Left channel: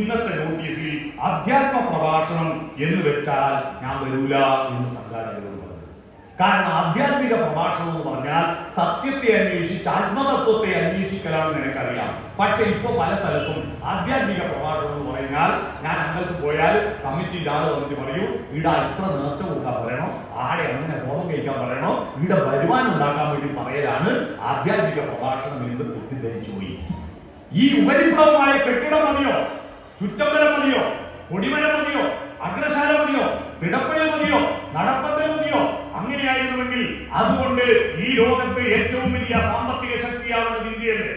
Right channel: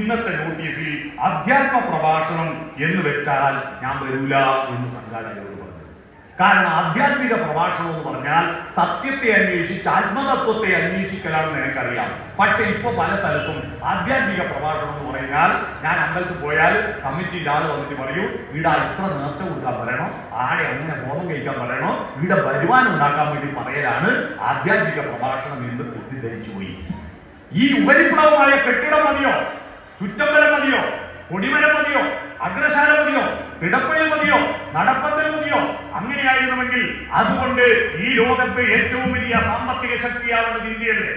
ഇന്നത്തെ നോട്ടീസിൽ അധ്യാത്മ പ്രഭാഷണം എന്ന് വെച്ചാൽ ഞാൻ വരൂല എന്ന് സംഘാടകരോട് പറഞ്ഞു. കാരണം ആധ്യാത്മിക പ്രഭാഷണം എന്ന് പറഞ്ഞാൽ സത്യത്തെ അന്വേഷിച്ച് ആത്മതത്വത്തെ അന്വേഷിക്കലാണെന്ന് എനിക്കറിയാം. പക്ഷെ ഇപ്പൊ പല സ്ഥലത്തും ആധ്യാത്മിക പ്രഭാഷണം എന്ന് പറഞ്ഞാൽ ഞാൻ അമ്പലത്തിൽ പോയാൽ കമ്മിറ്റി ഇല്ലാതെ വന്നിട്ട് പറയൂ, ഇവിടെ എത്ര നേർച്ച കൊടുക്കാൻ പറയണോ, ആടെ എങ്ങനെ ഹോമം കഴിക്കാൻ പറയണോ, ഇവിടെ വരുമാനം ഉണ്ടാക്കാൻ വേണ്ടി പറയലാണ് ആധ്യാത്മിക പ്രഭാഷണം എന്ന് തെറ്റിദ്ധരിച്ചു പോയി. ഈ ഉപരിപ്ലവമായ കെട്ടിടം മതിയോ, ചുറ്റമ്പലം മതിയോ, കൊടിമരം മതിയോ, അഗ്രശാല മതിയോ, പിടപ്പയിൽ മതിയോ, നടപ്പന്തൽ മതിയോ? അങ്ങനെയായിരുന്നുവെങ്കിൽ അതുകൊണ്ട് ഈ ലോകത്ത് ഏറ്റവും വലിയ സാമ്പത്തിക ശക്തിയാണെന്ന് ഇന്ത്യയല്ലേ.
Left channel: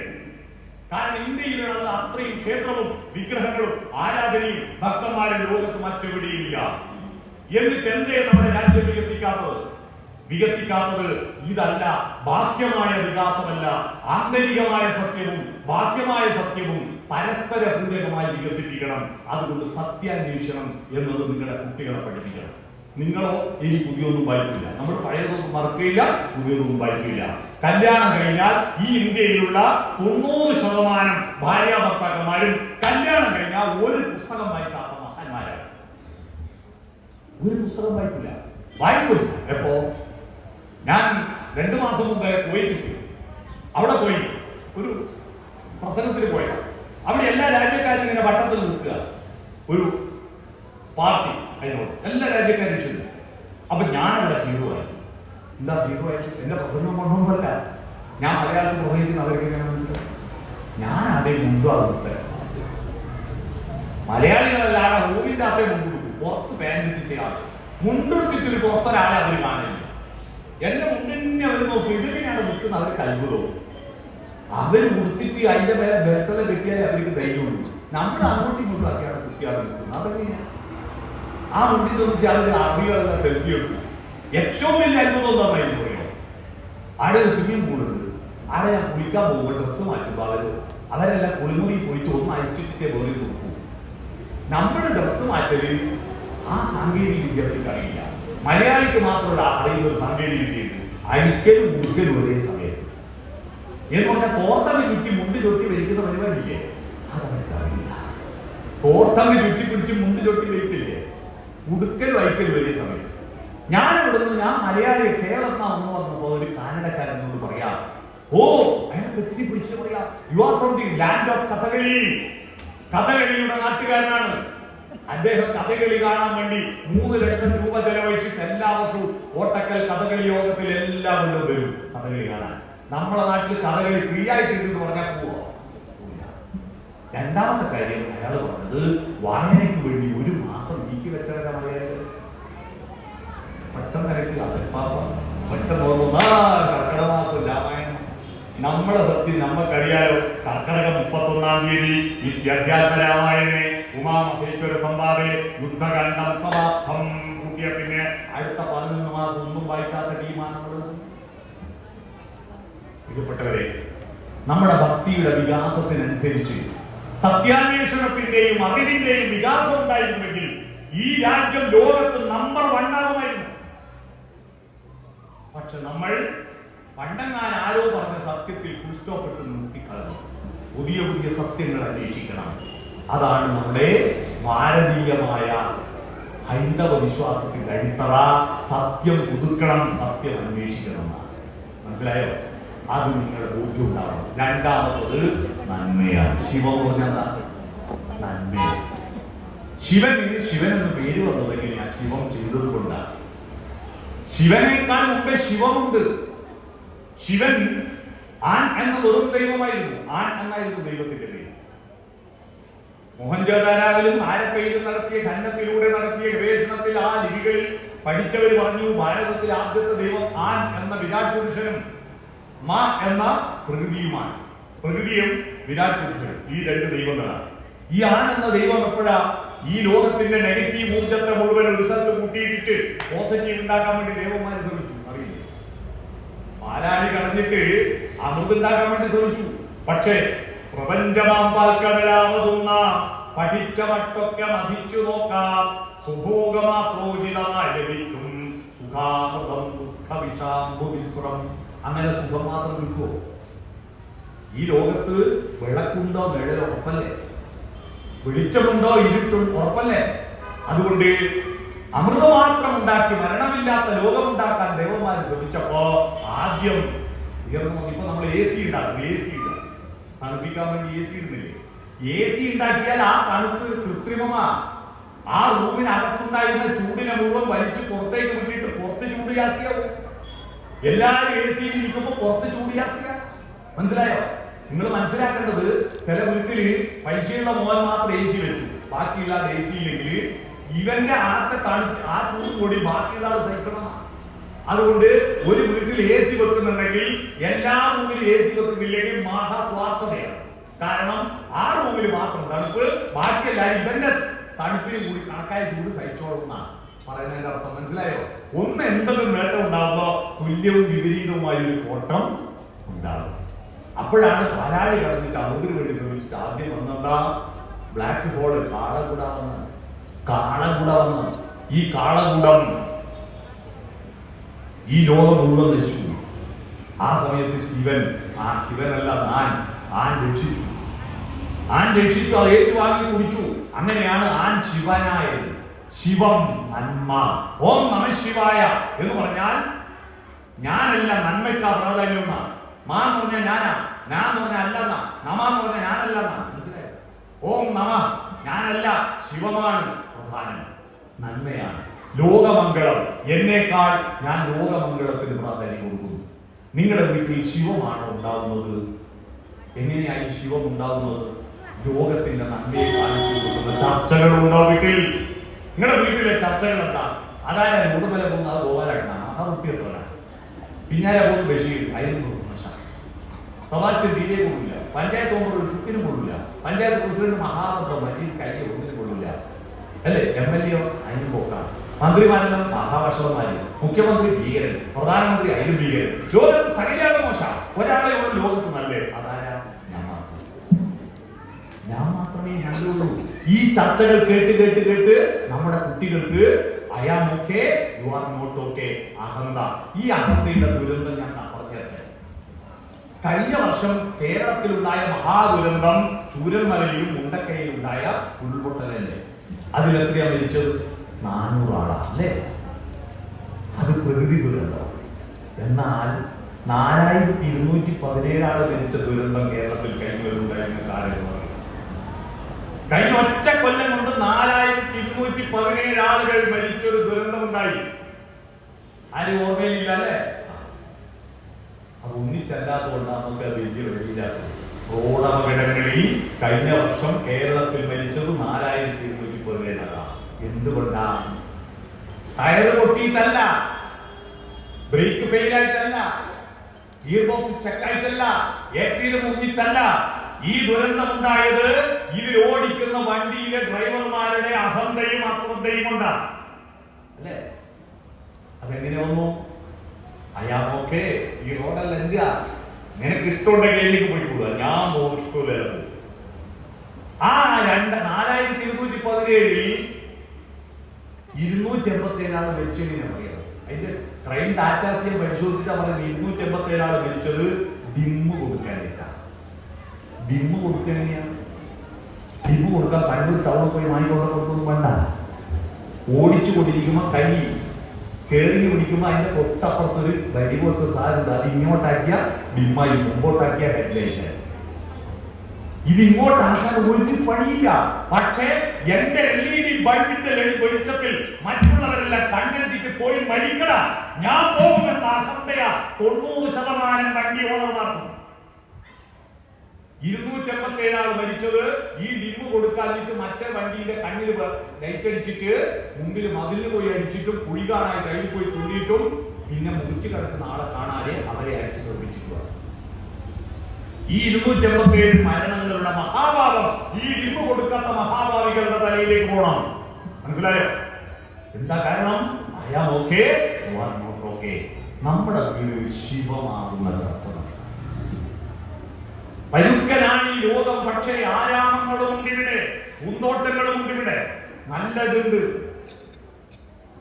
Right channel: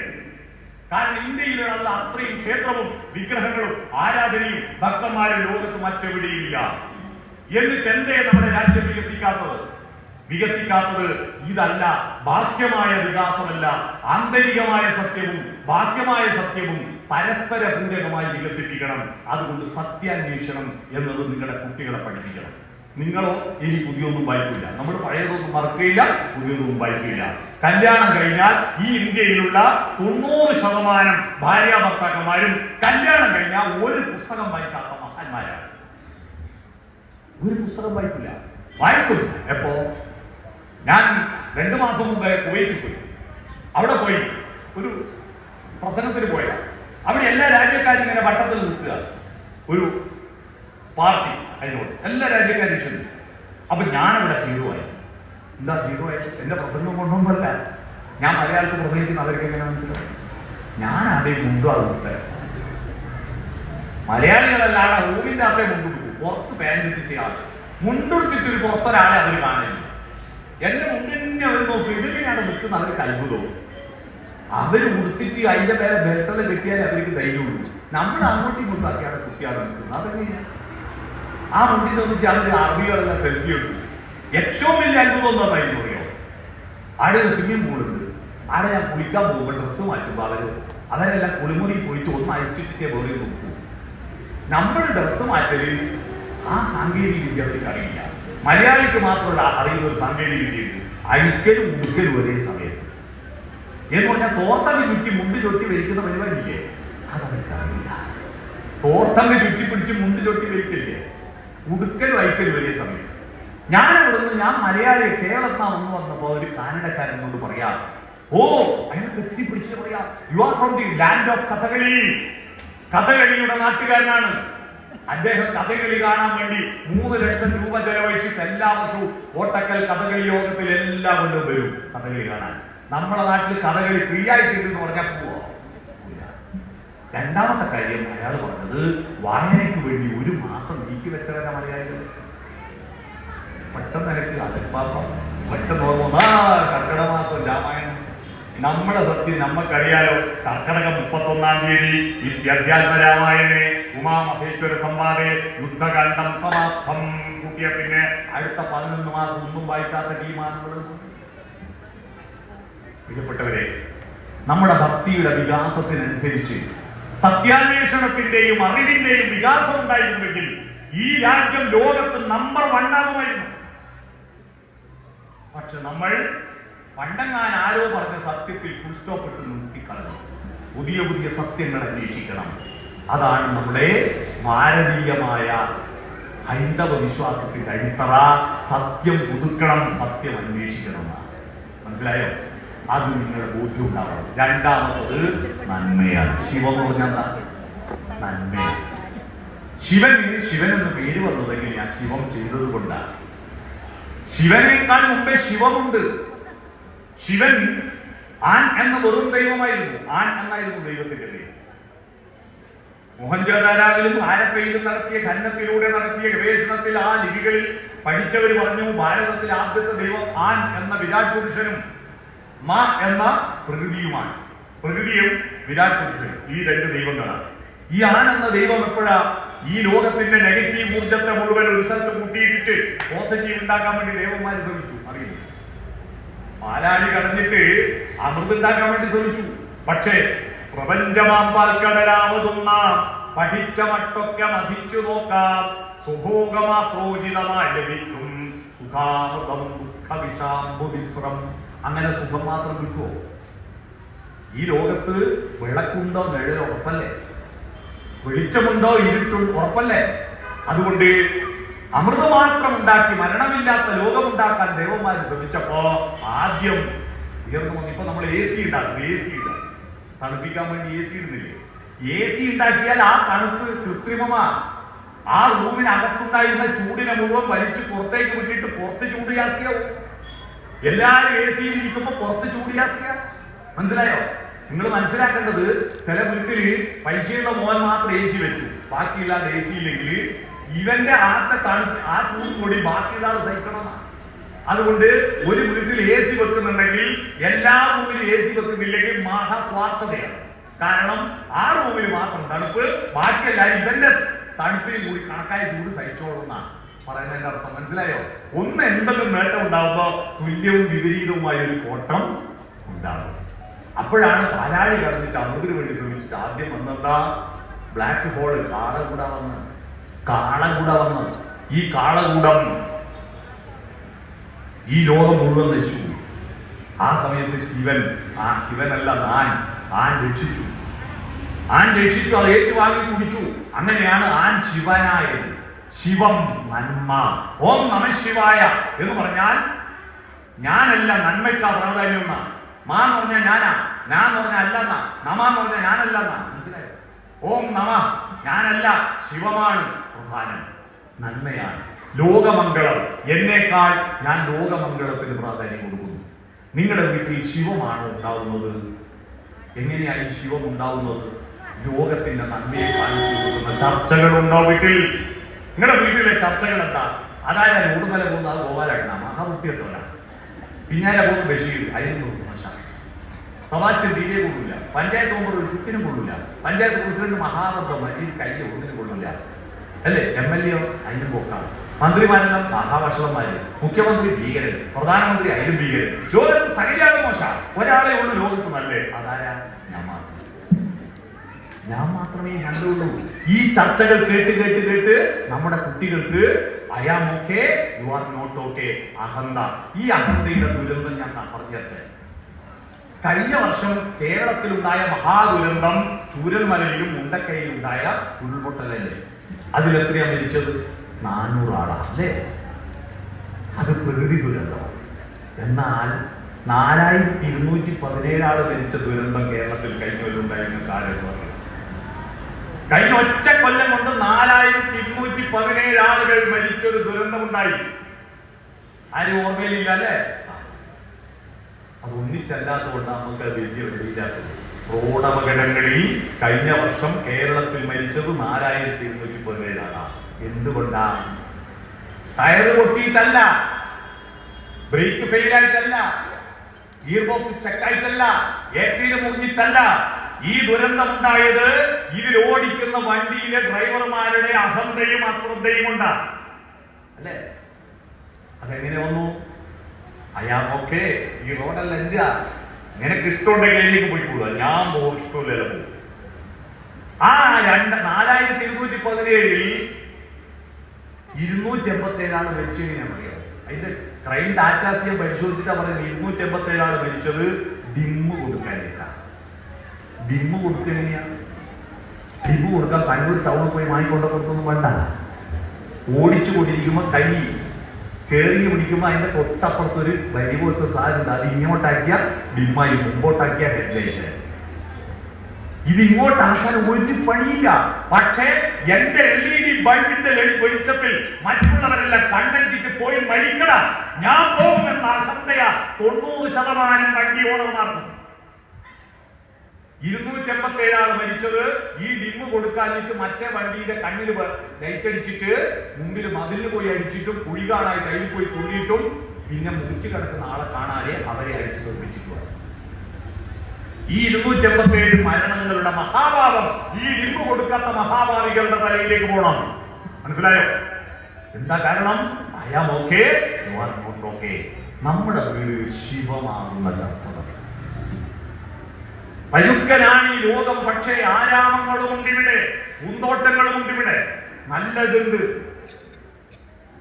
കാരണം ഇന്ത്യയിലുള്ള അത്രയും ക്ഷേത്രവും വിഗ്രഹങ്ങളും ആരാധനയും ഭക്തന്മാരും ലോകത്ത് മറ്റെവിടെയില്ല. എന്നിട്ട് എന്തേ നമ്മുടെ രാജ്യം വികസിക്കാത്തത്? ഇതല്ല, ബാഹ്യമായ വികാസമല്ല, ആന്തരികമായ സത്യവും ബാഹ്യമായ സത്യവും പരസ്പര പൂരകമായി വികസിപ്പിക്കണം. അതുകൊണ്ട് സത്യാന്വേഷണം എന്നത് നിങ്ങളുടെ കുട്ടികളെ പഠിപ്പിക്കണം. നിങ്ങളോ ഇനി പുതിയൊന്നും വായിക്കില്ല, നമ്മൾ പഴയതൊന്നും മറക്കില്ല, പുതിയതൊന്നും വായിക്കില്ല. കല്യാണം കഴിഞ്ഞാൽ ഈ ഇന്ത്യയിലുള്ള 90% ഭാര്യ ഭർത്താക്കന്മാരും കല്യാണം കഴിഞ്ഞാൽ ഒരു പുസ്തകം വായിക്കാത്ത മഹാന്മാരാണ്. ഒരു പുസ്തകം വായിക്കില്ല. എപ്പോ ഞാൻ 2 മാസം മുമ്പ് കുവൈറ്റിൽ പോയി. അവിടെ പോയി ഒരു പ്രസംഗത്തിന് പോയ അവിടെ എല്ലാ രാജ്യക്കാരും ഇങ്ങനെ വട്ടത്തിൽ നിൽക്കുക, ഒരു പാർട്ടി അതിനോട് എല്ലാ രാജ്യക്കാരും ഇഷ്ടം. അപ്പൊ ഞാനവിടെ ഹീറോ ആയി. എന്താ ഹീറോ ആയി? എന്റെ പ്രസംഗം കൊണ്ടൊന്നുമല്ല, ഞാൻ മലയാളത്തിൽ പ്രസംഗിക്കുന്ന അവരൊക്കെ എങ്ങനെ മനസ്സിലായി? ഞാൻ അതേ മുണ്ടാകും. മലയാളികളല്ലാതെ റൂമിന്റെ അതേ മുണ്ടു, പുറത്ത് പാൻറ്റിട്ട് മുണ്ടെടുത്തിട്ട് പുറത്തൊരാളെ അവർ കാണില്ല. എന്റെ മുന്നിനെ അവർ നോക്കും, ഇതിനെയാണ് നിൽക്കുന്ന അവർ കൽബുതോ. അവര് കൊടുത്തിട്ട് അതിന്റെ പേരെ ബെർത്തല കിട്ടിയാൽ അവർക്ക് ധൈര്യമുള്ളൂ. നമ്മൾ അങ്ങോട്ടും ഇങ്ങോട്ടും ആക്കിയാണ് കുട്ടിയാണ് നിൽക്കുന്നത്. അതൊക്കെ ആ മുണ്ടി തോന്നിച്ച് അവർ അഭിയുള്ള സെൽഫി എടുക്കും. ഏറ്റവും വലിയ അത്ഭുതം എന്താ പറയുന്നത്? അവിടെ ഒരു സ്വിമ്മിംഗ് പൂളുണ്ട്. അവിടെ ഞാൻ കുളിക്കാൻ പോകുമ്പോൾ ഡ്രസ്സ് മാറ്റുമ്പോൾ അവരെല്ലാം കുളിമുറി പോയിട്ട് ഒന്ന് അയച്ചിട്ടേ വേറെ നോക്കൂ. നമ്മുടെ ഡ്രസ്സ് മാറ്റല് ആ സാങ്കേതിക വിദ്യ അവർക്ക് അറിയില്ല. മലയാളിക്ക് മാത്രമല്ല അറിയുന്ന ഒരു സാങ്കേതിക വിദ്യയുണ്ട്, അഴിക്കലും മുക്കലും ഒരേ സമയത്ത്. എന്ന് പറഞ്ഞാൽ തോർത്തങ്ങ് ചുറ്റി മുണ്ട് ചൊട്ടി വലിക്കുന്ന പരിപാടിയില്ലേ, അതവർക്ക് അറിയില്ല. തോർത്തങ്ങ് ചുറ്റി പിടിച്ച് മുണ്ട് ചൊട്ടി വലിക്കില്ലേ, ഉടുക്കലും അയക്കലും ഒരേ സമയം. ഞാൻ മലയാളിയെ കേരളത്തിനാണെന്ന് പറഞ്ഞപ്പോ ഒരു കാനഡക്കാരെന്നോട് പറയാ, ഓ അയാൾ തെറ്റി പിടിച്ചിട്ട് പറയാ, you are from the land of Kathakali. കഥകളിയുടെ നാട്ടുകാരനാണ് അദ്ദേഹം. കഥകളി കാണാൻ വേണ്ടി 3 ലക്ഷം രൂപ ചെലവഴിച്ചിട്ട് എല്ലാ വർഷവും കോട്ടക്കൽ കഥകളി യോഗത്തിൽ എല്ലാവരും വരും കഥകളി കാണാൻ. നമ്മുടെ നാട്ടിൽ കഥകളി ഫ്രീ ആയിട്ടെന്ന് പറഞ്ഞാൽ പോവോ? രണ്ടാമത്തെ കാര്യം അയാൾ പറഞ്ഞത്, വായനയ്ക്ക് വേണ്ടി 1 മാസം നീക്കി വെച്ചവരാ മലയാളികൾ. പെട്ടെന്ന് കർക്കിടമാസം രാമായണം. നമ്മുടെ സത്യം നമ്മക്കറിയാലോ. കർക്കിടകം 31-ാം തീയതി നിത്യാധ്യാത്മ രാമായണേ ഉമാമഹേശ്വര സംവാദേ യുദ്ധകാന്ഡം സമാപ്തം കൂട്ടിയ പിന്നെ അടുത്ത 11 മാസം ഒന്നും വായിക്കാത്ത ടീമാണുള്ളത്. പ്രിയപ്പെട്ടവരെ, നമ്മുടെ ഭക്തിയുടെ വികാസത്തിനനുസരിച്ച് സത്യാന്വേഷണത്തിന്റെയും അറിവിന്റെയും വികാസം ഉണ്ടായിരുന്നെങ്കിൽ ഈ രാജ്യം ലോകത്ത് നമ്പർ 1 ആകുമായിരുന്നു. പക്ഷെ നമ്മൾ പണ്ടങ്ങാൻ ആരോ പറഞ്ഞ സത്യത്തിൽ ഫുൾസ്റ്റോപ്പിട്ട് നിർത്തിക്കളഞ്ഞു. പുതിയ പുതിയ സത്യങ്ങൾ അന്വേഷിക്കണം. അതാണ് നമ്മുടെ ഭാരതീയമായ ഹൈന്ദവ വിശ്വാസത്തിന്റെ അടിത്തറ. സത്യം പുതുക്കണം, സത്യം അന്വേഷിക്കണം. മനസ്സിലായോ? അത് നിങ്ങളുടെ ബോധ്യം ഉണ്ടാവണം. രണ്ടാമത്തത് നന്മയാണ്. ശിവം നന്മയാണ്. ശിവൻ എന്ന് പേര് വന്നതെങ്കിൽ ഞാൻ ശിവം ചെയ്തത് കൊണ്ടാണ്. ശിവനേക്കാൾ മുമ്പേ ശിവമുണ്ട്. ശിവൻ ആൺ എന്ന വെറും ദൈവമായിരുന്നു. ആൺ എന്നായിരുന്നു ദൈവത്തിന്റെ പേര്. മോഹൻജോദാരോവിലും ആരപ്പയിലും നടത്തിയ ഖനനത്തിലൂടെ നടത്തിയ ഗവേഷണത്തിൽ ആ ലിപികളിൽ പഠിച്ചവർ പറഞ്ഞു, ഭാരതത്തിലെ ആദ്യത്തെ ദൈവം ആൺ എന്ന വിരാട് പുരുഷനും മാ എന്ന പ്രകൃതിയുമാണ്. പ്രകൃതിയും വിരാട് പുരുഷനും ഈ 2 ദൈവങ്ങളാണ്. ഈ ആൺ എന്ന ദൈവം എപ്പോഴാ ഈ ലോകത്തിന്റെ നെഗറ്റീവ് ഊർജത്തെ മുഴുവൻ ഒരു സ്ഥലത്ത് കൂട്ടിയിട്ട് പോസിറ്റീവ് ഉണ്ടാക്കാൻ വേണ്ടി ദേവന്മാരെ ശ്രമിച്ചു. അറിയില്ല, പാലാഴി കടന്നിട്ട് അമൃതുണ്ടാക്കാൻ വേണ്ടി ശ്രമിച്ചു. പക്ഷേ പ്രപഞ്ചമാമ്പൽക്കടലാമതുന്ന പഠിച്ച മട്ടൊക്കെ മതിച്ചു നോക്കാം, സുഭോഗമാത്രോചിതമായി ലഭിക്കും സുഖാമൃതം ദുഃഖവിഷാംഭുവിശ്രം. അങ്ങനെ സുഖം മാത്രം കിട്ടുമോ? ഈ ലോകത്ത് വിളക്കുണ്ടോ നിഴലോ? ഉറപ്പല്ലേ? വെളിച്ചമുണ്ടോ ഇരുട്ടുണ്ടോ ഉറപ്പല്ലേ? അതുകൊണ്ട് അമൃതമാത്രം ഉണ്ടാക്കി മരണമില്ലാത്ത ലോകം ഉണ്ടാക്കാൻ ദേവന്മാർ ശ്രമിച്ചപ്പോ ആദ്യം ഇപ്പൊ നമ്മൾ AC ഉണ്ടാക്കും. AC തണുപ്പിക്കാൻ വേണ്ടി AC ഇടുന്നില്ലേ? AC ഉണ്ടാക്കിയാൽ ആ തണുപ്പ് കൃത്രിമമാ. ആ റൂമിനകത്തുണ്ടായിരുന്ന ചൂടിനെ മുഴുവൻ വലിച്ചു പുറത്തേക്ക് വിട്ടിട്ട് പുറത്ത് ചൂട് ജാസ്തിയാവും. എല്ലാവരും AC ഇരിക്കുമ്പോ പുറത്ത് ചൂട് ജാസ്തിയാവും. മനസ്സിലായോ? നിങ്ങൾ മനസ്സിലാക്കേണ്ടത്, ചില വീട്ടില് പൈസയുള്ള മോൻ മാത്രം AC വെച്ചു, ബാക്കിയില്ലാതെ AC ഇല്ലെങ്കിൽ ഇവന്റെ അകത്തെ തണുപ്പ് ആ ചൂട് കൂടി ബാക്കിയില്ലാതെ സഹിക്കണം. അതുകൊണ്ട് ഒരു വീട്ടിൽ AC വെക്കുന്നുണ്ടെങ്കിൽ എല്ലാ റൂമിലും AC വെക്കുന്നില്ലെങ്കിൽ മഹാസ്വാർത്ഥതയാണ്. കാരണം ആ റൂമിൽ മാത്രം തണുപ്പ്, ബാക്കിയെല്ലാവരും ഇവന്റെ തണുപ്പിൽ കൂടി കണക്കായ ചൂട് സഹിച്ചോളുന്ന പറയുന്നതിന്റെ അർത്ഥം മനസ്സിലായോ? ഒന്ന് എന്തെങ്കിലും നേട്ടം ഉണ്ടാവുമ്പോ തുല്യവും വിപരീതവുമായ ഒരു കോട്ടം ഉണ്ടാകും. അപ്പോഴാണ് പരാതി കടന്നിട്ട് അവർക്ക് വേണ്ടി ശ്രമിച്ചിട്ട് ആദ്യം വന്നതാ ബ്ലാക്ക് ഹോൾ, കാളകൂടം. ഈ കാളകൂടം ഈ ലോകം മുഴുവൻ നശിച്ചു. ആ സമയത്ത് ശിവനല്ല ആൻ രക്ഷിച്ചു. അത് ഏറ്റുവാങ്ങി കുടിച്ചു. അങ്ങനെയാണ് ആൻ ശിവനായത്. ശിവം നന്മ. ഓം നമഃ ശിവായ എന്ന് പറഞ്ഞാൽ ഞാനല്ല, നന്മയ്ക്കാ പ്രാധാന്യം. മാ എന്ന് പറഞ്ഞാൽ ഞാനാ, ഞാൻ എന്ന് പറഞ്ഞാൽ അല്ലെന്നാ, നമ എന്ന് പറഞ്ഞാൽ ഞാനല്ലെന്നാ. മനസ്സിലായോ? ഓം നമ ഞാനല്ല, ശിവമാണ് പ്രധാനം, നന്മയാണ്, ലോകമംഗളം. എന്നേക്കാൾ ഞാൻ ലോകമംഗളത്തിന് പ്രാധാന്യം കൊടുക്കുന്നു. നിങ്ങളുടെ വീട്ടിൽ ശിവമാണ് ഉണ്ടാവുന്നത്. എങ്ങനെയായി ശിവം ഉണ്ടാവുന്നത്? ലോകത്തിന്റെ നന്മയെ കാണിച്ചു ചർച്ചകളുണ്ടോ വീട്ടിൽ? നിങ്ങളുടെ വീട്ടിലെ ചർച്ചകൾ എന്താ? അതായത് ഉടുമല പോകുന്ന അത് ഗോപാലകണ്ണ മഹാകുട്ടിയെടുത്തവരാണ്. പിന്നാലെ പോകുന്ന ബഷീർ, അതിന് സഭാശ്യം തീരെ കൊള്ളില്ല. പഞ്ചായത്ത് മെമ്പർ ഒരു ചുറ്റിനും കൊള്ളില്ല. പഞ്ചായത്ത് പ്രസിഡന്റ് മഹാനന്ദ മജീദ് കയ്യിൽ ഒന്നിനും കൊള്ളില്ല അല്ലേ? MLA അതിന് പോക്കാണ്. മന്ത്രിമാരെല്ലാം മഹാഭാഷകന്മാര്, മുഖ്യമന്ത്രി ഭീകരൻ, പ്രധാനമന്ത്രി അതിന് ഭീകരൻ. ലോകത്ത് സകലയാളും മോശ. ഒരാളെ ഒന്ന് ലോകത്ത് നല്ലേ, അതാരാ? ഞാൻ മാത്രമേ ഞാനുള്ളൂ. ഈ ചർച്ചകൾ കേട്ട് നമ്മുടെ കുട്ടികൾക്ക് I am okay, you are not okay, അഹന്ത. ഈ അഹന്തയുടെ ദുരന്തം ഞാൻ പറഞ്ഞത്. കഴിഞ്ഞ വർഷം കേരളത്തിലുണ്ടായ മഹാദുരന്തം ചൂരൽമലയിലും മുണ്ടക്കയിലും ഉണ്ടായ ഉരുൾപൊട്ടലല്ലേ? അതിലെത്രയാ മരിച്ചത്? 400 ആളാ അല്ലേ? അത് പ്രകൃതി ദുരന്തം. എന്നാൽ 4217 ആൾ മരിച്ച ദുരന്തം കേരളത്തിൽ കഴിഞ്ഞ കാലം. കഴിഞ്ഞ ഒറ്റ കൊല്ലം കൊണ്ട് 4217 ആളുകൾ മരിച്ചൊരു ദുരന്തം ഉണ്ടായി. ആരും ഓർമ്മയിലില്ല അല്ലേ? അത് ഒന്നിച്ചല്ലാത്തതുകൊണ്ടാണ് നമുക്ക് വലിയ വെളിയിലാക്കുന്നത്. റോഡപകടങ്ങളിൽ കഴിഞ്ഞ വർഷം കേരളത്തിൽ മരിച്ചത് 4217 ആളാണ്. എന്തുകൊണ്ടാണ്? ടയർ പൊട്ടിയിട്ടല്ല, ബ്രേക്ക് ഫെയിലായിട്ടല്ല, ഗിയർ ബോക്സ് സ്റ്റക്കായിട്ടല്ല, AC മുങ്ങിയിട്ടല്ല. ഈ ദുരന്തം ഉണ്ടായത് ഇതിൽ ഓടിക്കുന്ന വണ്ടിയിലെ ഡ്രൈവർമാരുടെ അഹന്തയും അശ്രദ്ധയും കൊണ്ടാണ് അല്ലേ? അതെങ്ങനെ വന്നു? അയാമൊക്കെ ഈ റോഡല്ല എന്റെ, നിനക്ക് ഇഷ്ടമുണ്ടെങ്കിൽ എനിക്ക് പോയിക്കൂടാ, ഞാൻ പോകും, ഇഷ്ടമില്ല. ആ 4217 287 ആൾ മരിച്ചു. ഞാൻ പറയാം അതിന്റെ ക്രൈം ഡാറ്റാസിയെ പരിശോധിച്ചാൽ പറയുന്നത് 287 ആൾ മരിച്ചത് ഡിമ്മ് കൊടുക്കാനേക്കാണ്. ഡിമ്മ് കൊടുക്കുകയാണ്. ഡിമ്മ് കൊടുക്കാൻ കണ്ണൂർ ടൗണിൽ പോയി വാങ്ങിക്കൊണ്ടൊന്നും വേണ്ട. ഓടിച്ചു കൊണ്ടിരിക്കുമ്പോ കൈ ചേറിഞ്ഞ് പിടിക്കുമ്പോ അതിന്റെ തൊട്ടപ്പുറത്തൊരു വരി പോലത്തെ സാധനം, അത് ഇങ്ങോട്ടാക്കിയ ഡിമ്മായി, മുമ്പോട്ടാക്കിയ ഹെഡ്ലൈറ്റ്. ഇത് ഇങ്ങോട്ടാക്കാൻ ഒരു പണിയില്ല. പക്ഷേ എന്റെ LED ബൾബിന്റെ വെളിച്ചത്തിൽ മറ്റുള്ളവരെല്ലാം കണ്ണഞ്ചിട്ട് പോയി മരിക്കണം, ഞാൻ പോകുമെന്ന അഹന്തയാ 90% വണ്ടി ഓണം നടന്നു. 287 ആൾ മരിച്ചത് ഈ ഡിമ്മ് കൊടുക്കാനിട്ട് മറ്റേ വണ്ടിയുടെ കണ്ണിൽ ലൈറ്റ് അടിച്ചിട്ട് മുമ്പിൽ മതിലിന് പോയി അടിച്ചിട്ടും കുഴി കാണാൻ കയ്യിൽ പോയി തുള്ളിയിട്ടും പിന്നെ മുറിച്ചു കിടക്കുന്ന ആളെ കാണാതെ അവരെ അടിച്ചു തോന്നിച്ചിട്ടുള്ള ഈ 287 മരണങ്ങളുടെ മഹാഭാവം ഈ ഡിമ്മ് കൊടുക്കാത്ത മഹാഭാവികളുടെ തലയിലേക്ക് പോകണം. മനസ്സിലായോ? എന്താ കാരണം? അയാൾ ഓക്കെ, നമ്മുടെ വീട് ശിവമാകുന്ന ചർച്ച. പരുക്കനാണ് ഈ ലോകം. പക്ഷേ ആരാമങ്ങളും ഉണ്ട് ഇവിടെ, പൂന്തോട്ടങ്ങളും ഉണ്ട് ഇവിടെ. നല്ലതുണ്ട്,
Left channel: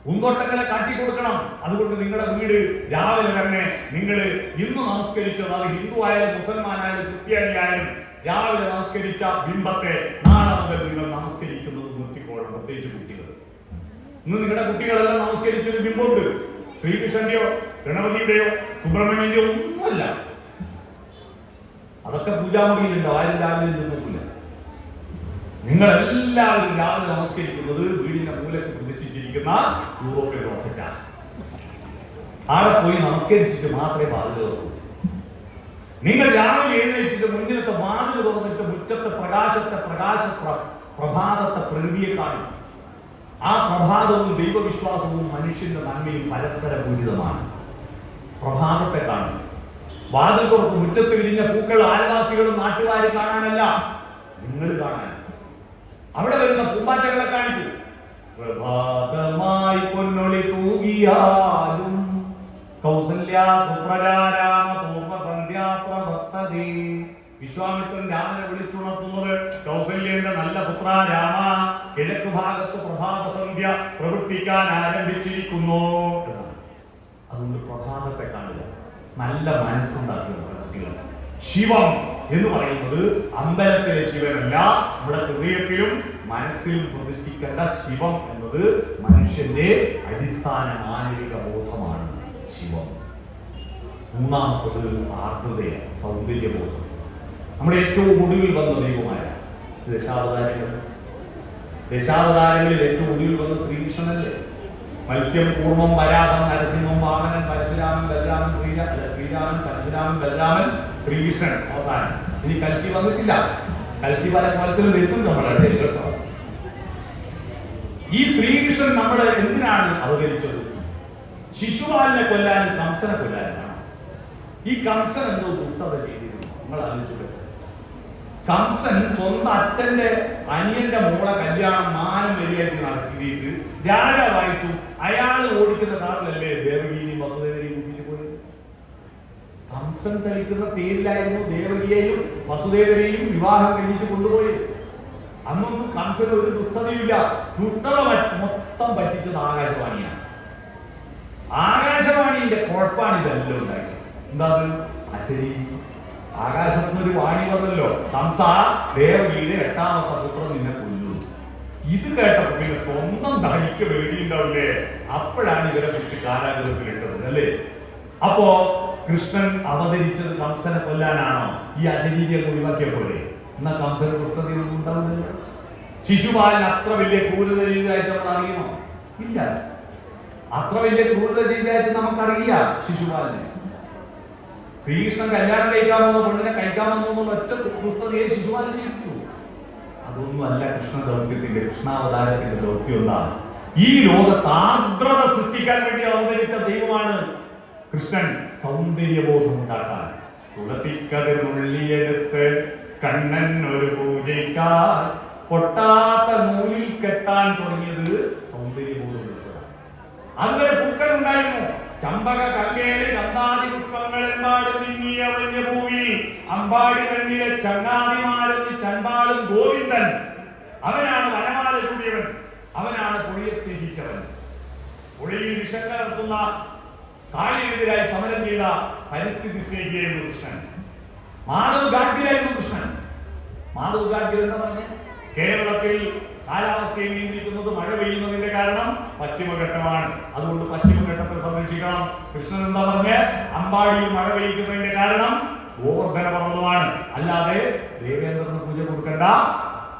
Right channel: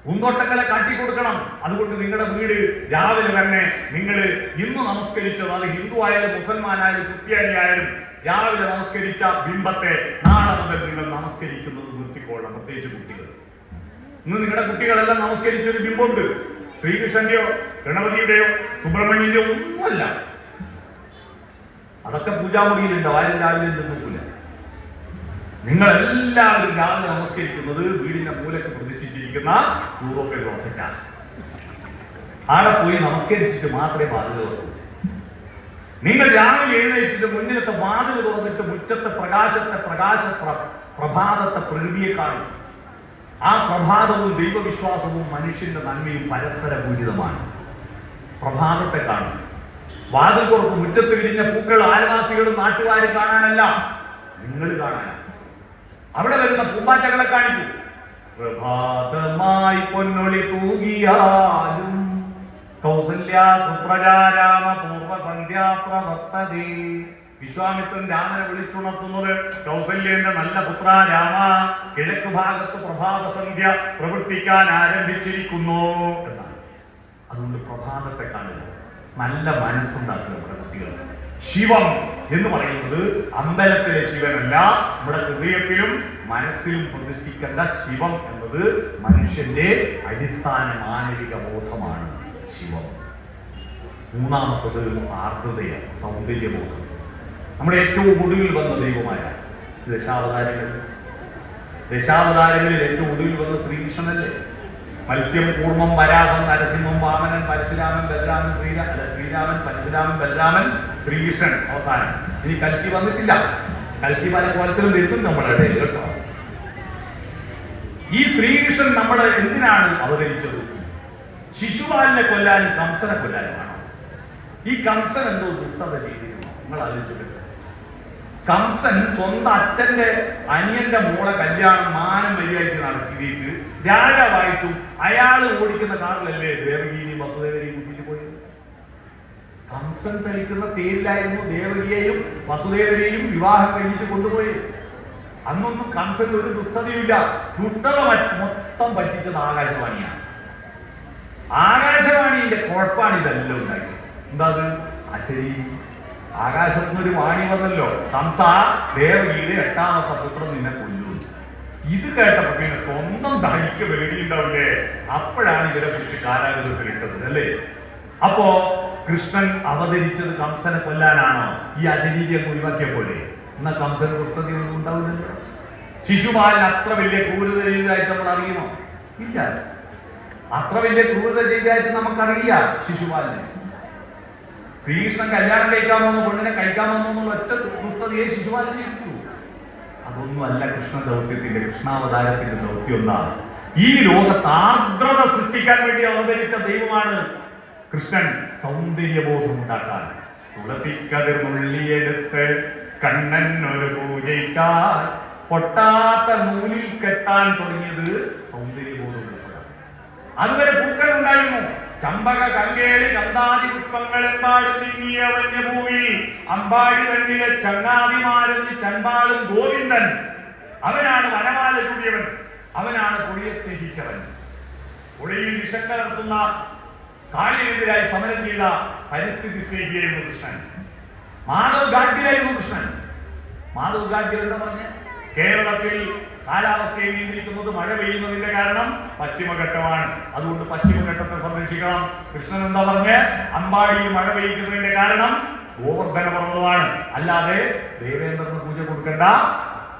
പൂന്തോട്ടങ്ങളെ കാട്ടിക്കൊടുക്കണം. അതുകൊണ്ട് നിങ്ങളുടെ വീട് രാവിലെ തന്നെ നിങ്ങൾ ഇന്ന് നമസ്കരിച്ചത്, അത് ഹിന്ദു ആയാലും മുസൽമാനായാലും ക്രിസ്ത്യാനി ആയാലും രാവിലെ നമസ്കരിച്ച ബിംബത്തെ നാളെ മുതൽ നിങ്ങൾ നിങ്ങളുടെ കുട്ടികളെല്ലാം നമസ്കരിച്ചൊരു ബിംബമുണ്ട്. ശ്രീകൃഷ്ണന്റെയോ ഗണപതിയുടെയോ സുബ്രഹ്മണ്യന്റെയോ ഒന്നുമല്ല. അതൊക്കെ പൂജാമുറിയിലുണ്ട്, ആരും രാവിലെ നിന്നിട്ടില്ല. നിങ്ങളെല്ലാവരും രാവിലെ നമസ്കരിക്കുന്നത് വീടിന്റെ മൂലക്ക് പ്രതിഷ്ഠിച്ചിരിക്കുന്ന യൂറോപ്യൻ ക്ലോസറ്റാണ്. ആടെ പോയി നമസ്കരിച്ചിട്ട് മാത്രമേ വാതിൽ തുറക്കൂ. നിങ്ങൾ രാവിലെ എഴുന്നേറ്റിട്ട് മുന്നിലത്തെ വാതിൽ തുറന്നിട്ട് മുറ്റത്തെ പ്രഭാതത്തെ പ്രകൃതിയെ കാണും. ആ പ്രഭാതവും ദൈവവിശ്വാസവും മനുഷ്യന്റെ നന്മയും പരസ്പര പൂരിതമാണ്. പ്രഭാതത്തെ കാണും. വാതിൽ തുറക്കും. മുറ്റത്ത് വിരിഞ്ഞ പൂക്കൾ അയൽവാസികളും നാട്ടുകാരും കാണാനല്ല, നിങ്ങൾ കാണാൻ. അവിടെ വരുന്ന പൂമ്പാറ്റകളെ കാണിക്കൂ. പ്രഭാതമായി പൊന്നൊളി തൂകിയാലും കൗസല്യ സുപ്രജാരാമ പൂർവസന്ധ്യാ പ്രവർത്തതേ. വിശ്വാമിത്രൻ രാമനെ വിളിച്ചുണർത്തുന്നത് കൗസല്യന്റെ നല്ല പുത്ര രാമ, കിഴക്കു ഭാഗത്ത് പ്രഭാതസന്ധ്യ പ്രവർത്തിക്കാൻ ആരംഭിച്ചിരിക്കുന്നു എന്നാണ്. അതുകൊണ്ട് പ്രഭാതത്തെ കാണുക, നല്ല മനസ്സുണ്ടാക്കുന്ന കുട്ടികൾ. ശിവം എന്ന് പറയുന്നത് അമ്പലത്തിലെ ശിവനല്ല, നമ്മുടെ ഹൃദയത്തിലും മനസ്സിലും പ്രതിഷ്ഠിക്കേണ്ട ശിവം എന്നത് മനുഷ്യന്റെ അടിസ്ഥാന മാനവിക ബോധമാണ്. ശിവം. മൂന്നാമത്തത് ആർദ്രതയാണ്, സൗന്ദര്യബോധം. നമ്മുടെ ഏറ്റവും ഒടുവിൽ വന്ന ദൈവമായ ദശാവതാരങ്ങളിൽ ഏറ്റവും ഒടുവിൽ വന്ന ശ്രീകൃഷ്ണനല്ലേ? മത്സ്യം, കൂർമ്മം, വരാഹം, നരസിംഹം, വാമനൻ, പരശുരാമൻ, ബലരാമൻ, ശ്രീരാമൻ, പരശുരാമൻ, ബലരാമൻ, ശ്രീകൃഷ്ണൻ അവസാനം. ഇനി കൽക്കി വന്നിട്ടില്ല. കൽക്കി പല കോലത്തിലും വരുന്നുണ്ട് നമ്മുടെ ഇടയിൽ കേട്ടോ. ഈ ശ്രീകൃഷ്ണൻ നമ്മളെ എന്തിനാണ് അവതരിച്ചത്? ശിശുപാലിനെ കൊല്ലാനും കംസനെ കൊല്ലാനുമാണ്. ഈ കംസൻ എന്തോ ദുഷ്ടത ചെയ്തിരുന്നു. നിങ്ങൾ ആലോചിച്ചു. കംസൻ സ്വന്തം അച്ഛന്റെ അനിയന്റെ മോളെ കല്യാണം മാനം മര്യാദയ്ക്ക് നടത്തിയിട്ട് രാജാവായിട്ടും അയാൾ ഓടിക്കുന്ന കാറിലല്ലേ ദേവകിയെയും വസുദേവരെയും കൂട്ടിട്ട് പോയത്. കംസൻ കളിക്കുന്ന തേരിലായിരുന്നു ദേവകിയെയും വസുദേവരെയും വിവാഹം കഴിഞ്ഞിട്ട് കൊണ്ടുപോയത്. അന്നൊന്നും കംസന്റെ ഒരു ദുഷ്ടതയില്ല. ദുഷ്ടത മൊത്തം പറ്റിച്ചത് ആകാശവാണിയാണ്. ആകാശവാണിന്റെ കുഴപ്പമാണ് ഇതെല്ലാം ഉണ്ടായത്. എന്താ ശരി, ആകാശത്തുനിന്നൊരു വാണി വന്നല്ലോ, കംസ ദേവകിയുടെ 8ാമത്തെ പുത്രം നിന്നെ കൊല്ലുന്നു. ഇത് കേട്ടപ്പോ പിന്നെ സ്വന്തം തനിക്ക് പേടിയുണ്ടാവില്ലേ? അപ്പോഴാണ് ഇവരെ കുറിച്ച് കാരാഗൃഹത്തിലിട്ടത് അല്ലേ? അപ്പോ കൃഷ്ണൻ അവതരിച്ചത് കംസനെ കൊല്ലാനാണോ? ഈ അശരീരിയെ ഒഴിവാക്കിയ പോലെ. എന്നാ കംസനെ കൃഷ്ണൻ ഉണ്ടാവില്ലല്ലോ. ശിശുപാലൻ അത്ര വലിയ ക്രൂരത ചെയ്തതായിട്ട് നമ്മൾ അറിയുമോ? ഇല്ല. അത്ര വലിയ ക്രൂരത ചെയ്തതായിട്ട് നമുക്കറിയാം ശിശുപാലനെ. ശ്രീകൃഷ്ണൻ കല്യാണം കഴിക്കാമെന്നോ പെണ്ണിനെ കഴിക്കാമെന്നോ ഒറ്റ ദുഷ്ടതയെ ശിശുപാലൻ ചെയ്തു. അതൊന്നുമല്ല കൃഷ്ണ ദൗത്യത്തിന്റെ, കൃഷ്ണാവതാരത്തിന്റെ ദൗത്യമുള്ള ഈ ലോകത്ത് ആർദ്രത സൃഷ്ടിക്കാൻ വേണ്ടി അവതരിച്ച ദൈവമാണ് കൃഷ്ണൻ. സൗന്ദര്യബോധം ഉണ്ടാക്കാൻ തുളസിക്കതിർ നുള്ളിയെടുത്ത് കണ്ണൻ ഒരു പൂജയ്ക്കാർ പൊട്ടാത്ത നൂലിൽ കെട്ടാൻ തുടങ്ങിയത് സൗന്ദര്യബോധം. അങ്ങനെ പൂക്കൾ ഉണ്ടായിരുന്നു. ചമ്പക, കങ്കേളി, ചന്ദാതി പുഷ്പങ്ങളെമ്പാട് തിങ്ങിയ വലിയ ഭൂമിയിൽ അമ്പാടി തന്നിലെ ചങ്ങാതിമാരെന്ന് ചണ്ടാളും ഗോവിന്ദൻ. അവനാണ് വനമാല ചൂടിയവൻ, അവനാണ് പുഴയെ സ്നേഹിച്ചവൻ. പുഴയിൽ വിഷം കലർത്തുന്ന കാളിനെതിരായി സമരം ചെയ്ത പരിസ്ഥിതി സ്നേഹിയായിരുന്നു കൃഷ്ണൻ. മാധവ് ഗാഡ്ഗിലായിരുന്നു കൃഷ്ണൻ. മാധവ് ഗാഡ്ഗിൽ എന്താ പറഞ്ഞ? കേരളത്തിൽ കാലാവസ്ഥയെ നിയന്ത്രിക്കുന്നത് മഴ പെയ്യുന്നതിന്റെ കാരണം പശ്ചിമഘട്ടമാണ്, അതുകൊണ്ട് പശ്ചിമഘട്ടത്തെ സംരക്ഷിക്കണം. കൃഷ്ണൻ എന്താ പറഞ്ഞ? അമ്പാടിയിൽ മഴ പെയ്യുന്നതിന്റെ കാരണം ഗോവർദ്ധന പർവ്വതമാണ്. അല്ലാതെ ദേവേന്ദ്രന് പൂജ കൊടുക്കേണ്ട,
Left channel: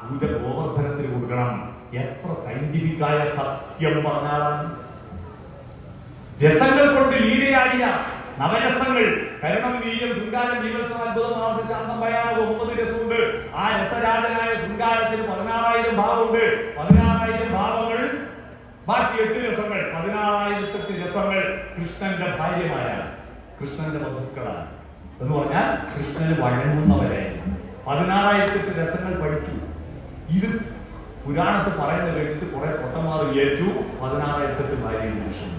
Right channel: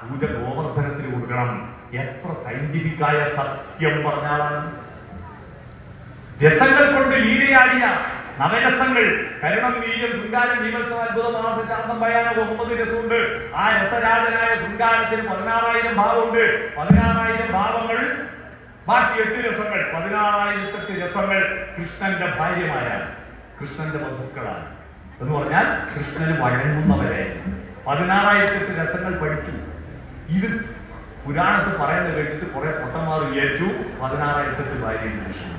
പൂജ ഗോവർദ്ധനത്തിന് കൊടുക്കണം. എത്ര സയന്റിഫിക്കായ സത്യം പറഞ്ഞാലാണ്. രസങ്ങൾ കൊണ്ട് ലീലയാടിയ നവരസങ്ങൾ, കരണം, വീര്യം, ശൃംഗാരം, വിമർശനം, അത്ഭുതം, ശാന്തം, ഭയാനകം 9 രസമുണ്ട്. ആ രസരാജനായ ശൃംഗാരത്തിന് 16,000 ഭാവമുണ്ട്. 16,000 ഭാവങ്ങൾ, ബാക്കി 8 രസങ്ങൾ. 16,008 രസങ്ങൾ കൃഷ്ണന്റെ ഭാര്യമാരാണ്, കൃഷ്ണന്റെ വധുക്കളാണ്. എന്ന് പറഞ്ഞാൽ കൃഷ്ണന് വഴങ്ങുന്നവരായിരുന്നു. 16,008 രസങ്ങൾ പഠിച്ചു. ഇത് പുരാണത്തിൽ പറയുന്നത് കേട്ടിട്ട് കുറെ പൊട്ടന്മാർ വിചാരിച്ചു 16,008 ഭാര്യയും കൃഷ്ണൻ.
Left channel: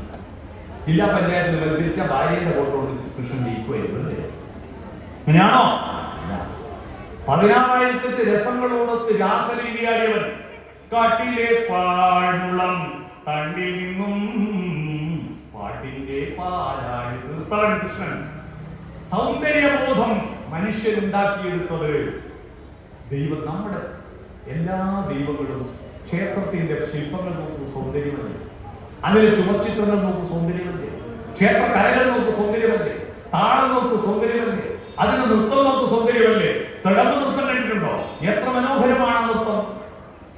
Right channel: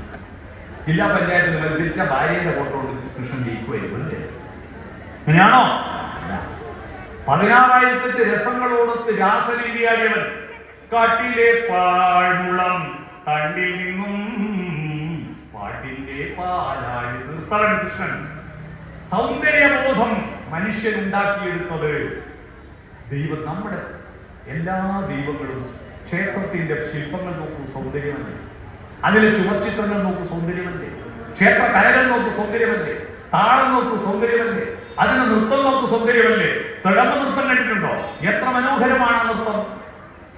ജില്ലാ പഞ്ചായത്തിൽ മത്സരിച്ച ഭാര്യയുടെ ഫോട്ടോ കൃഷ്ണൻ ജയിക്കുമായിരുന്നു. അങ്ങനെയാണോ? 16,008 രസങ്ങളോടൊത്ത് രാസരീതിയായവൻ. കാട്ടിലെ പാഴ്മുളം തണ്ടിൽ നിന്നും പാട്ടിന്റെ പാലായി തീർത്തവൻ കൃഷ്ണൻ. സൗന്ദര്യബോധം മനുഷ്യനുണ്ടാക്കിയെടുത്തത് ദൈവം. നമ്മുടെ എല്ലാ ദൈവങ്ങളും ക്ഷേത്രത്തിന്റെ ശില്പങ്ങൾ നോക്കും സൗന്ദര്യമാണ്. അതിലെ ചുമച്ചിത്രങ്ങൾ നോക്ക് സൗന്ദര്യമല്ലേ, ക്ഷേത്ര കലകൾ നോക്ക് സൗന്ദര്യമല്ലേ, താളം നോക്ക് സൗന്ദര്യമല്ലേ, അതിന് നൃത്തം നോക്ക് സൗന്ദര്യമല്ലേ. തിളമ നൃത്തം കണ്ടിട്ടുണ്ടോ? എത്ര മനോഹരമാണ് നൃത്തം.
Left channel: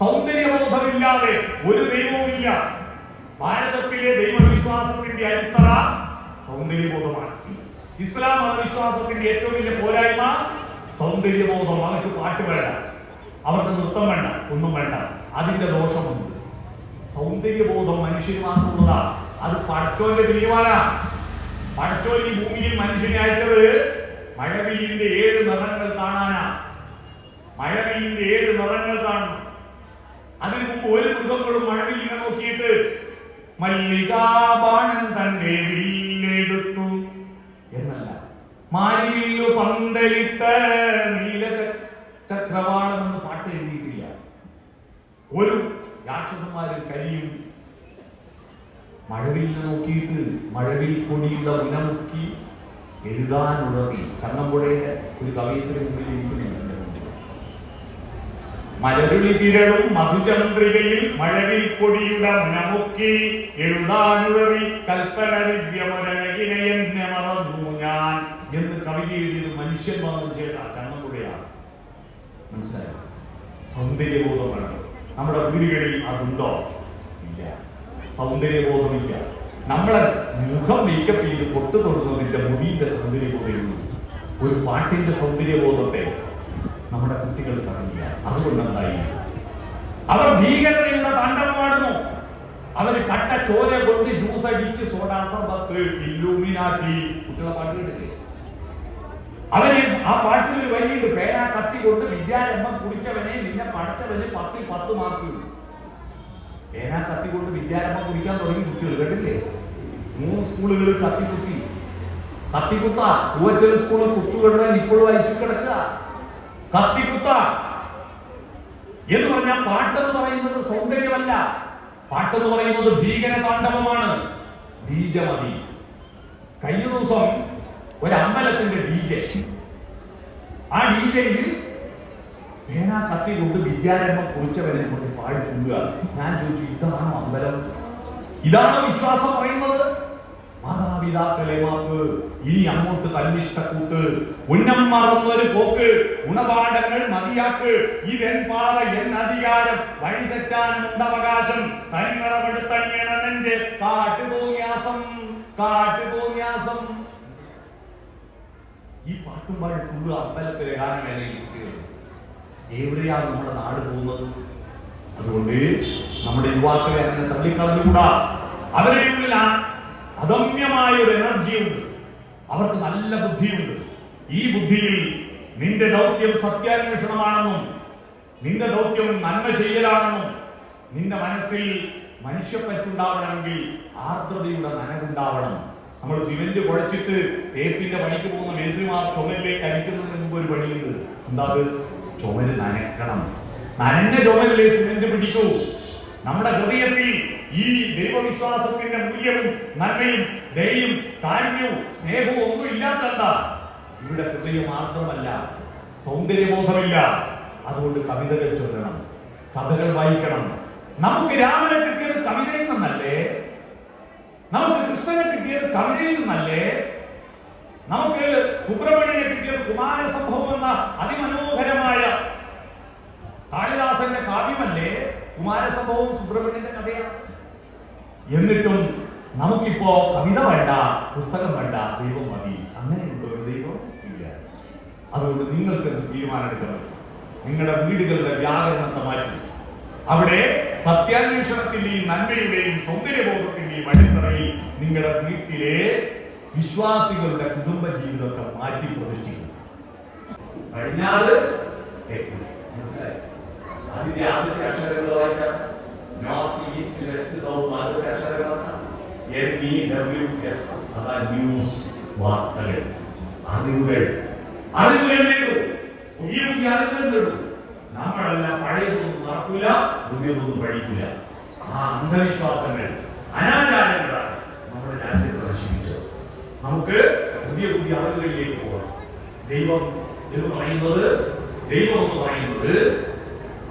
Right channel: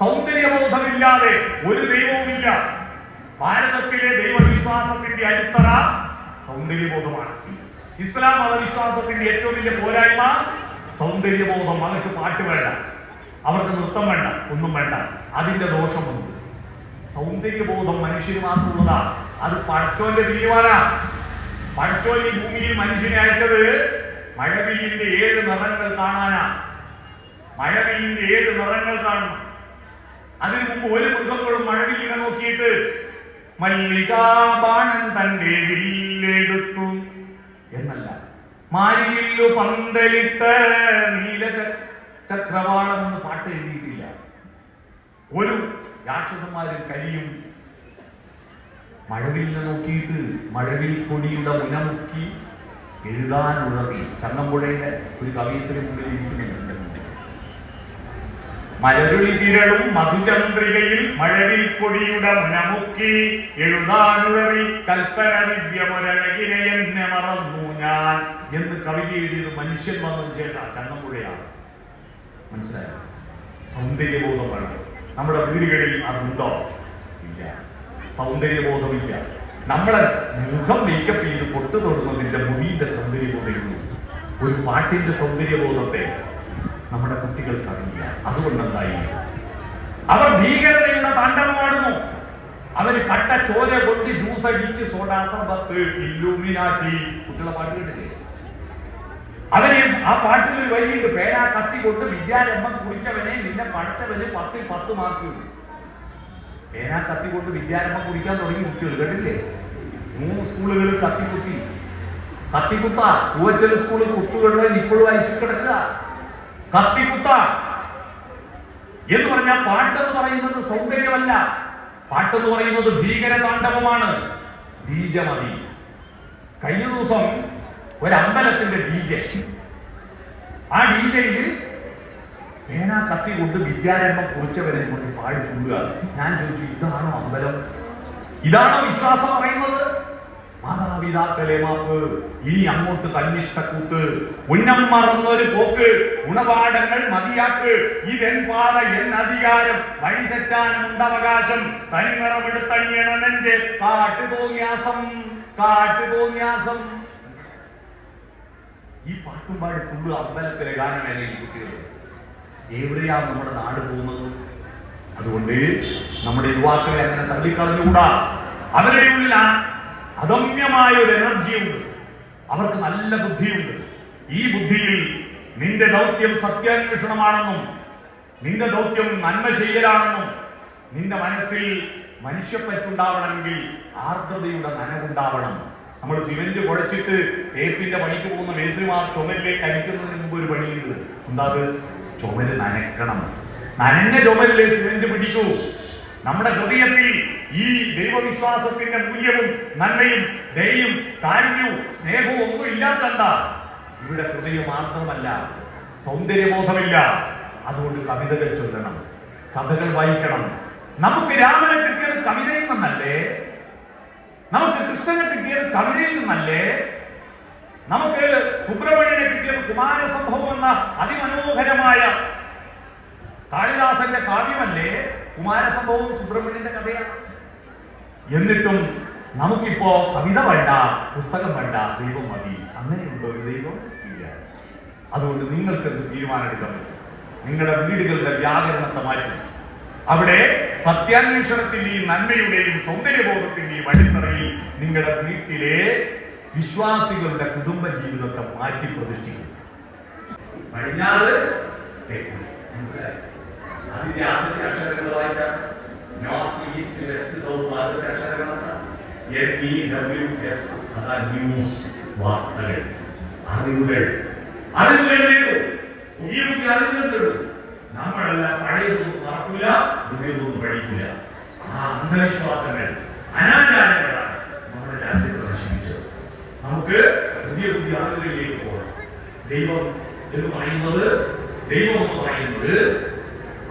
സൗന്ദര്യബോധമില്ലാതെ ഒരു ദൈവവുമില്ല. ഭാരതത്തിലെ ദൈവവിശ്വാസത്തിന്റെ അടിത്തറ സൗന്ദര്യബോധമാണ്. ഇസ്ലാം മതവിശ്വാസത്തിന്റെ ഏറ്റവും വലിയ പോരായ്മ സൗന്ദര്യബോധം. അവർക്ക് പാട്ട് വേണ്ട, അവർക്ക് നൃത്തം വേണ്ട, ഒന്നും വേണ്ട. അതിന്റെ ദോഷമുണ്ട്. സൗന്ദര്യബോധം മനുഷ്യന്മാർക്കുള്ളതാ. അത് പടച്ചോന്റെ തീരുമാനമാണ്. പടച്ചോൻ ഈ ഭൂമിയിൽ മനുഷ്യനെ അയച്ചത് മഴവില്ലിന്റെ 7 നിറങ്ങൾ കാണാനാ. മഴവില്ലിന്റെ 7 നിറങ്ങൾ കാണും. അതിന് മുമ്പ് ഒരു മൃഗങ്ങളും മഴവില്ലിനെ നോക്കിയിട്ട് മല്ലികാബാണൻ തന്റെ വില്ലെടുത്തു എന്നല്ല, മാരിവില്ലു പന്തലിട്ട് നീല ചക്രവാളം എന്ന് പാട്ട് എഴുതിയിട്ടില്ല. ഒരു രാക്ഷസന്മാര് കരിയും മഴവില്ലിനെ നോക്കിയിട്ട് മഴവിൽ കൊടിയുള്ള ഉണക്കി എഴുതാനുള്ളതി. ചങ്ങമ്പുഴയുടെ ഒരു കവിയത്തിന് മുന്നിൽ ഇരിക്കുന്നുണ്ട്. മലരുളി തിരളും മധുചന്ദ്രികയിൽ മഴവിൽ കൊടിയുടെ മുനമുക്കി എഴുതാനുള്ളതി കൽപ്പന വിദ്യമരകിനെ എന്നെ മറന്നു ഞാൻ എന്ന് കവിത എഴുതിയത് മനുഷ്യൻ വന്നു ചേട്ടാ ചങ്ങമ്പുഴയാണ്. മനസ്സിലായോ? സൗന്ദര്യബോധം വേണം. നമ്മുടെ വീടുകളിൽ അതുണ്ടോ? ഇല്ല. സൗന്ദര്യബോധമില്ല. നമ്മളെ മുഖം മേക്കപ്പ് ചെയ്ത് പൊട്ടു തൊടുന്നതിന്റെ മുടിയുടെ സൗന്ദര്യബോധമുള്ളൂ. ഒരു പാട്ടിന്റെ സൗന്ദര്യബോധത്തെ നമ്മുടെ കുട്ടികൾക്ക് അറിയില്ല. അതുകൊണ്ടെന്തായി അവർ ഭീകരതയുടെ താണ്ഡവമാടുന്നു. അവര് കട്ട ചോര കൊണ്ട് ജ്യൂസ് അടിച്ച് സോഡാസമ്പത്ത് ഇല്ലുമിനാട്ടി കുട്ടികളെ പാട്ട് കേട്ടില്ലേ? അവര് ആ പാട്ടിൽ ഒരു വരിയുണ്ട്, പേന കത്തി കൊണ്ട് വിദ്യാരംഭം കുടിച്ചവനെ നിന്നെ പഠിച്ചവന് 10ൽ 10 മാർക്ക്. പേന കത്തി കൊണ്ട് വിദ്യാരംഭം കുടിക്കാൻ തുടങ്ങി കുട്ടികൾ കേട്ടില്ലേ? 3 സ്കൂളുകളിൽ കത്തിക്കുത്തി കത്തിക്കുത്ത പൂവച്ചൽ സ്കൂളിൽ കുട്ടികളുടെ ഇപ്പോഴും ഐസിൽ കിടക്കുക. കത്തിക്കുത്ത എന്ന് പറഞ്ഞാൽ പാട്ടെന്ന് പറയുന്നത് സൗന്ദര്യമല്ല. പാട്ടെന്ന് പറയുന്നത് ഭീകര താണ്ഡവമാണ്. ബീജമതി. കഴിഞ്ഞ ദിവസം ഒരു അമ്പലത്തിന്റെ DJ, ആ DJയിൽ പേന കത്തി കൊണ്ട് വിദ്യാരംഭം കുറിച്ചവരെ കൊണ്ട് പാടിക്കുക. ഞാൻ ചോദിച്ചു, ഇതാണോ അമ്പലം? ഇതാണോ വിശ്വാസം പറയുന്നത്? മാതാപിതാക്കളെ മാപ്പ്, ഇനി അങ്ങോട്ട് തന്നിഷ്ടക്കൂട്ട്, ഉന്നം മാറുന്നൊരു പോക്ക്, ഗുണപാഠങ്ങൾ മതിയാക്ക്, ഇതെൻപാറ എൻ അധികാരം, വഴിതെറ്റാനുണ്ടവകാശം, തനിനിറമെടുത്തണിയണമെന്റെ കാട്ടുതോന്യാസം, കാട്ടുതോന്യാസം. ഈ പാട്ടും പാടി തുള്ളു അമ്പലത്തിലെ ഗാനമേളയിൽ കുട്ടികൾ. എവിടെയാണ് നമ്മുടെ നാട് പോകുന്നത്? അതുകൊണ്ട് നമ്മുടെ യുവാക്കളെ അങ്ങനെ തള്ളിക്കളഞ്ഞുകൂടാ. അവരുടെ ഉള്ളിൽ അദമ്യമായ ഒരു എനർജിയുണ്ട്. അവർക്ക് നല്ല ബുദ്ധിയുണ്ട്. ഈ ബുദ്ധിയിൽ നിന്റെ ദൗത്യം സത്യാന്വേഷണമാണെന്നും നിന്റെ ദൗത്യം നന്മ ചെയ്യലാണെന്നും നിന്റെ മനസ്സിൽ മനുഷ്യപ്പറ്റുണ്ടാവണമെങ്കിൽ ആർദ്രതയുടെ നനവുണ്ടാവണം. നമ്മൾ സിമന്റ് കുഴച്ചിട്ട് തേപ്പിന്റെ പണിക്ക് പോകുന്ന മേസ്ത്രിമാർ ചുമലിലേക്ക് അടിക്കുന്നതിന് മുമ്പ് ഒരു പണിയുണ്ട്. എന്താ? ചുമല് നനയ്ക്കണം. നനഞ്ഞ ചുമലിലെ സിമന്റ് പിടിക്കൂ. നമ്മുടെ ഹൃദയത്തിൽ ഈ ദൈവവിശ്വാസത്തിന്റെ മൂല്യവും നന്മയും ദയയും കാരുണ്യവും സ്നേഹവും ഒന്നും ഇല്ലാത്തല്ല. ഇവിടെ ഹൃദയം ആർദ്രമല്ല, സൗന്ദര്യബോധമില്ല. അതുകൊണ്ട് കവിതകൾ ചൊല്ലണം, കഥകൾ വായിക്കണം. നമുക്ക് രാമനെ കിട്ടിയത് കവിതയിൽ നിന്നല്ലേ? നമുക്ക് കൃഷ്ണനെ കിട്ടിയത് കവിതയിൽ നിന്നല്ലേ? നമുക്ക് സുബ്രഹ്മണ്യനെ കിട്ടിയത് കുമാരസംഭവം എന്ന അതിമനോഹരമായ കാളിദാസന്റെ കാവ്യമല്ലേ? കുമാരസംഭവവും സുബ്രഹ്മണ്യന്റെ കഥയാണ്. എന്നിട്ടും നമുക്കിപ്പോ കവിത വേണ്ട, പുസ്തകം വേണ്ട, ദൈവം മതി. അങ്ങനെയുണ്ടോ ദൈവം? ഇല്ല. അതുകൊണ്ട് നിങ്ങൾക്ക് തീരുമാനമെടുക്കണം. നിങ്ങളുടെ വീടുകളുടെ വ്യാകരണത്തെ മാറ്റി അവിടെ സത്യാന്വേഷണത്തിന്റെയും നന്മയുടെയും സൗന്ദര്യബോധത്തിന്റെയും അടിത്തറയിൽ നിങ്ങളുടെ വീട്ടിലെ വിശ്വാസികളുടെ കുടുംബ ജീവിതത്തെ മാറ്റി പ്രതിഷ്ഠിക്കും. കഴിഞ്ഞാല് മനസ്സിലായി? അതിന്റെ ആദ്യത്തെ അക്ഷരങ്ങൾ വായിച്ചാൽ നോർത്ത് ഈസ്റ്റ് വെസ്റ്റ് സൗത്ത് ആദ്യത്തെ അക്ഷരങ്ങളാണ് NEWS. അതാണ് ന്യൂസ്, വാർത്തകൾ, അറിവുകൾ. അറിവുകൾ പുതിയ പുതിയ അറിവുകൾ നേടും. നമ്മളെല്ലാം പഴയതൊന്നും മറക്കില്ല, പുതിയതൊന്നും പഠിക്കില്ല. ആ അന്ധവിശ്വാസങ്ങൾ, അനാചാരങ്ങളാണ് നമ്മുടെ രാജ്യത്ത് നശിപ്പിച്ചത്. നമുക്ക് പുതിയ പുതിയ അറിവുകളിലേക്ക് പോകണം. ദൈവം എന്ന് പറയുന്നത്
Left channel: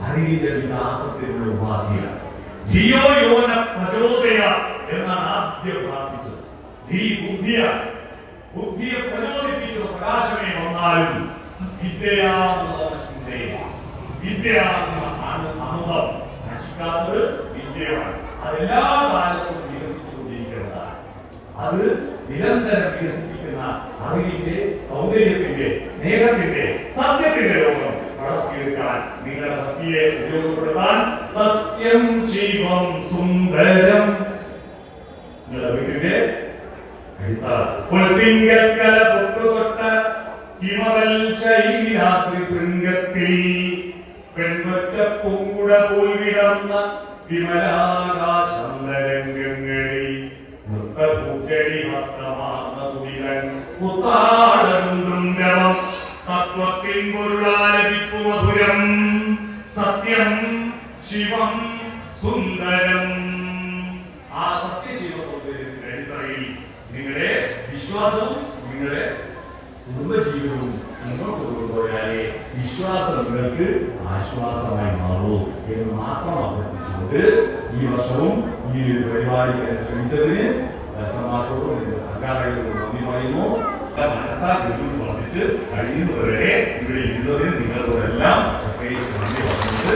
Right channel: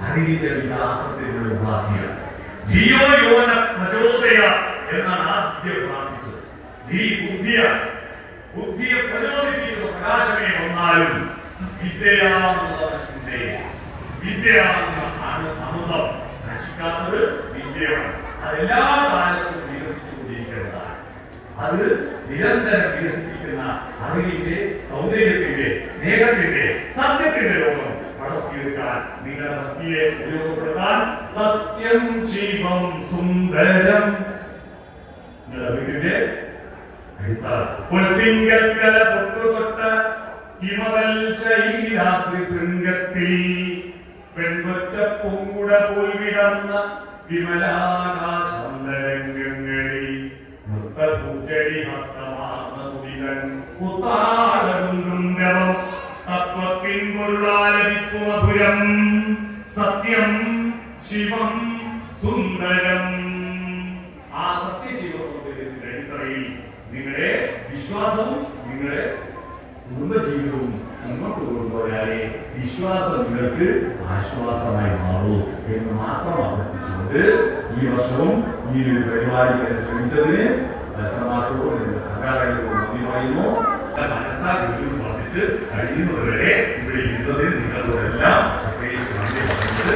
അറിവിന്റെ വികാസത്തിനുള്ള ഉപാധിയാണ്. ജിയോ യോന പ്രചോദയ എന്നാണ് ആദ്യം പ്രാർത്ഥിച്ചത്. നീ ബുദ്ധിയെ പ്രചോദിപ്പിക്കുന്ന പ്രകാശമേ വന്നാലും വിദ്യയാണെന്ന അമൃതം നശിക്കാത്തത് വിദ്യയാണ്. അതെല്ലാ കാലത്തും വികസിച്ചുകൊണ്ടിരിക്കുന്നതാണ്. അത് നിരന്തരം വികസിപ്പിക്കുന്ന അറിവിന്റെ, സൗന്ദര്യത്തിന്റെ, സ്നേഹത്തിന്റെ, സത്യത്തിന്റെ ലോകം വളർത്തിയെടുക്കാൻ നിങ്ങളുടെ ഭക്തിയെ ഉപയോഗപ്പെടുത്താൻ സത്യം ശിവം സുന്ദരം നിങ്ങളുടെ വീട്ടിന്റെ പൊട്ടിങ്കൽക്കല പൊട്ടുതൊട്ട ഹിമവൽ ശൈരാത്രി ശൃംഗത്തിൽ പെൺപറ്റ പൂങ്കുട പോൽ വിടർന്ന വിമലാകാശരംഗങ്ങളിൽ നൃത്തപൂച്ചടി ഹസ്തമാർന്ന കുടികൾ പുത്താടം തത്വത്തിൻ പൊരുളാലപിപ്പു മധുരം സത്യം ശിവം സുന്ദരം. ആ സത്യശിവ സൗന്ദര്യത്തിന്റെ അടിത്തറയിൽ നിങ്ങളുടെ വിശ്വാസവും നിങ്ങളുടെ കുടുംബജീവിതവും മുന്നോട്ട് കൊണ്ടുപോയാലേ വിശ്വാസം നിങ്ങൾക്ക് ആശ്വാസമായി മാറൂ എന്ന് മാത്രം അഭ്യർത്ഥിച്ചുകൊണ്ട് ഈ വർഷവും ഈ ഒരു പരിപാടി ശ്രമിച്ചതിന് സമാജത്തോടും ഇതിന്റെ സംഘാടകരോടും നന്ദി പറയുന്നു. മനസ്സാക്കി പറഞ്ഞിട്ട് കഴിയുന്നവരെ ഇവിടെ ഇരുന്നതിന് നിങ്ങളോടെല്ലാം പ്രത്യേകിച്ച് നന്ദി പറഞ്ഞിട്ട്